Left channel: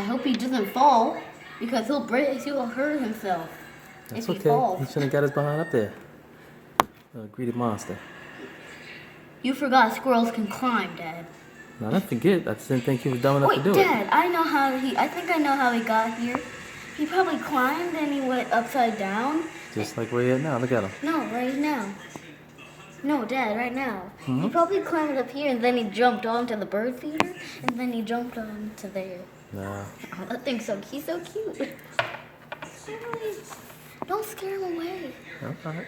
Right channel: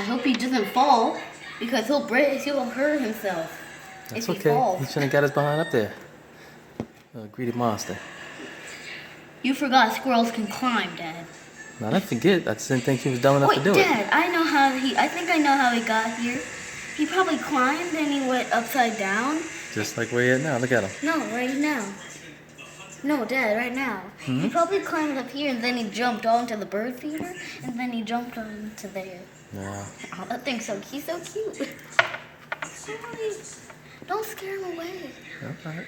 I hope he doesn't fall because he'll hurt himself. That's if he okay. falls. He shouldn't have got his behind up there. Greedy monster. You forgot squirrels can climb, Dad. No, I didn't forget. I just didn't think he was dumb enough to do Dad, it. I think I know how he got here. He probably climbed and he went upside down. Just like where he at now. Look at him. No, right now. No, Dad, right now. Mm-hmm. He probably climbed up here and then he jumped onto the bird feeder and then he jumped onto there. No. Oh, that thing's he's so cute. Sorry. Don't scare him away. Okay.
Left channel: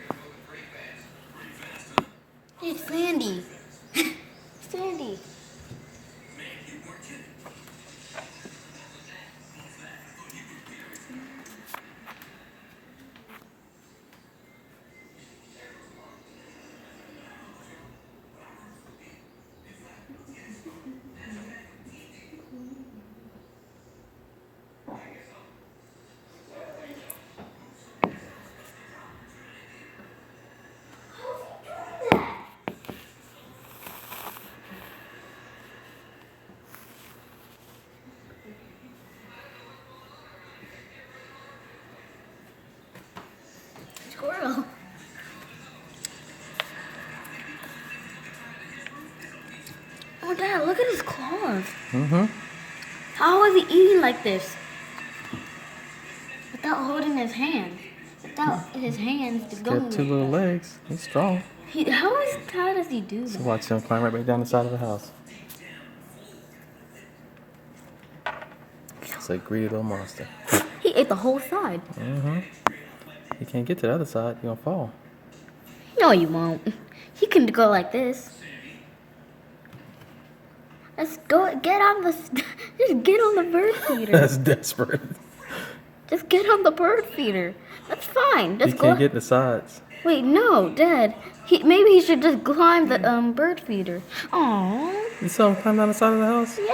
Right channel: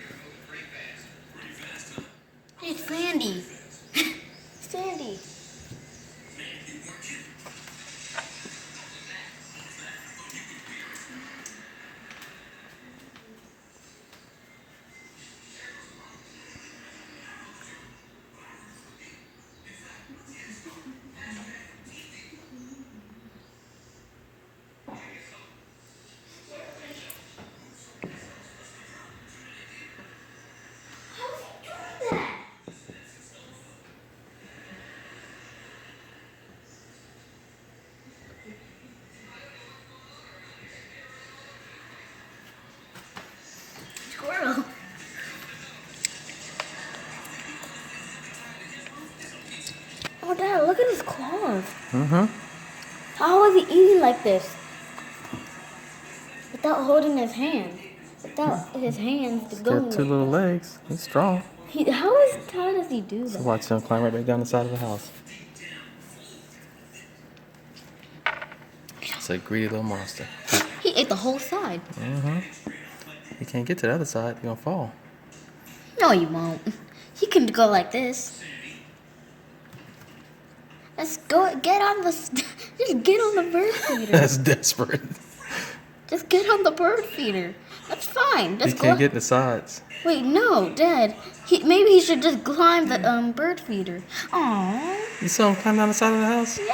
Hey, it's Sandy. Sandy. Squirrel. Oh, Dad, look at his claws. Mm-hmm. How is he eating like this? Without holding his hand. Without his hands to He's go got two little legs. He's strong. How does he do So that? watch him climb right back down the side of the house. It's a greedy little monster. He ate the whole side. Mm-hmm. He can't get to the other side. He's gonna fall. No, you won't. He can go like this. Let's go. Get on the. Just get on the bird feeder. That's desperate. Just get on the bird feeder. That's fine. He Just can't go. get the sides. Wait, no, Dad. Maybe he should just climb the bird feeder. Aww. You saw him climb down the side of the house? Yeah.